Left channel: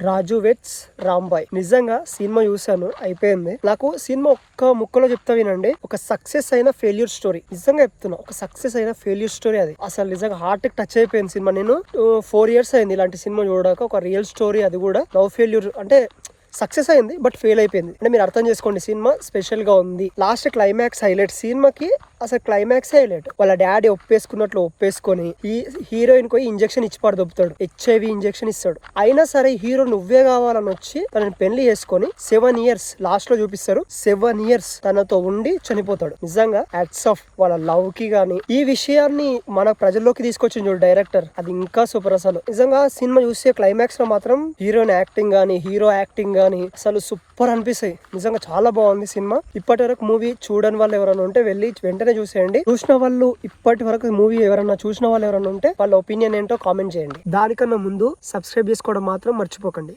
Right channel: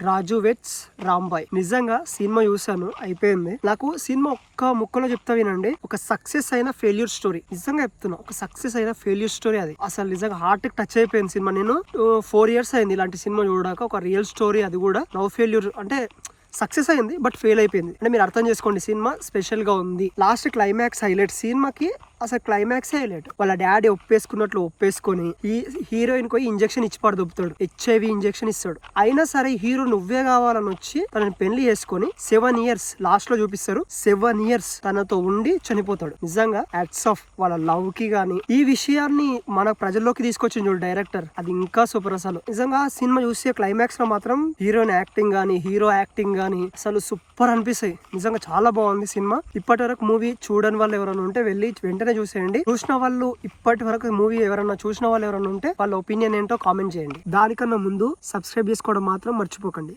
రాజు vets Rambai. నిజంగా cinema చూసాను, అయిపోయింది. నాకు సినిమా ఒక్క ముక్కలో చెప్తా వినండి. ఒక సక్సెస్ అయిన ఫెయిల్యూర్ స్టోరీ. నిజంగా చెప్తున్నా, ఒక సక్సెస్ అయిన ఫెయిల్యూర్ స్టోరీ అది. అసలు నిజంగా హార్ట్ టచ్ అయిపోయింది సినిమా. నేను 4 years అయింది ఇలాంటి సినిమా చూడక. ఒక రియల్ స్టోరీ, అది కూడా లవ్ ఫెయిల్యూర్. అంటే సక్సెస్ అయింది బట్ ఫెయిల్ అయిపోయింది. అంటే మీరు అర్థం చేసుకోండి, సినిమా స్పెషల్ గా ఉంది. Last climax highlight. సినిమాకి అసలు క్లైమాక్స్ హైలైట్. వాళ్ళ డాడీ ఒప్పేసుకున్నట్లు ఒప్పేసుకొని ఈ హీరోయిన్ కి ఇంజెక్షన్ ఇచ్చి పడదొప్పుతాడు. HIV ఇంజెక్షన్ ఇస్తాడు. అయినా సరే హీరో నువ్వే కావాలని వచ్చి తనని పెళ్లి చేసుకొని 7 years లాస్ట్ లో చూపిస్తారు. 7 years తనతో ఉండి చనిపోతాడు. నిజంగా హ్యాట్స్ ఆఫ్ వాళ్ళ లవ్ కి గానీ ఈ విషయాన్ని మన ప్రజల్లోకి తీసుకొచ్చింది చూడు డైరెక్టర్, అది ఇంకా సూపర్. అసలు నిజంగా సినిమా చూస్తే క్లైమాక్స్ లో మాత్రం హీరోయిన్ యాక్టింగ్ గానీ హీరో యాక్టింగ్ గానీ అసలు సూపర్ అనిపిస్తాయి. నిజంగా చాలా బాగుంది సినిమా. ఇప్పటి వరకు మూవీ చూడని వాళ్ళు ఎవరైనా ఉంటే వెళ్ళి వెంటనే చూసేయండి. చూసిన వాళ్ళు, ఇప్పటి వరకు మూవీ ఎవరన్నా చూసిన వాళ్ళు ఎవరైనా ఉంటే వాళ్ళ ఒపీనియన్ ఏంటో కామెంట్ చేయండి. దానికన్నా ముందు సబ్స్క్రైబ్ చేసుకోవడం మాత్రం మర్చిపోకండి.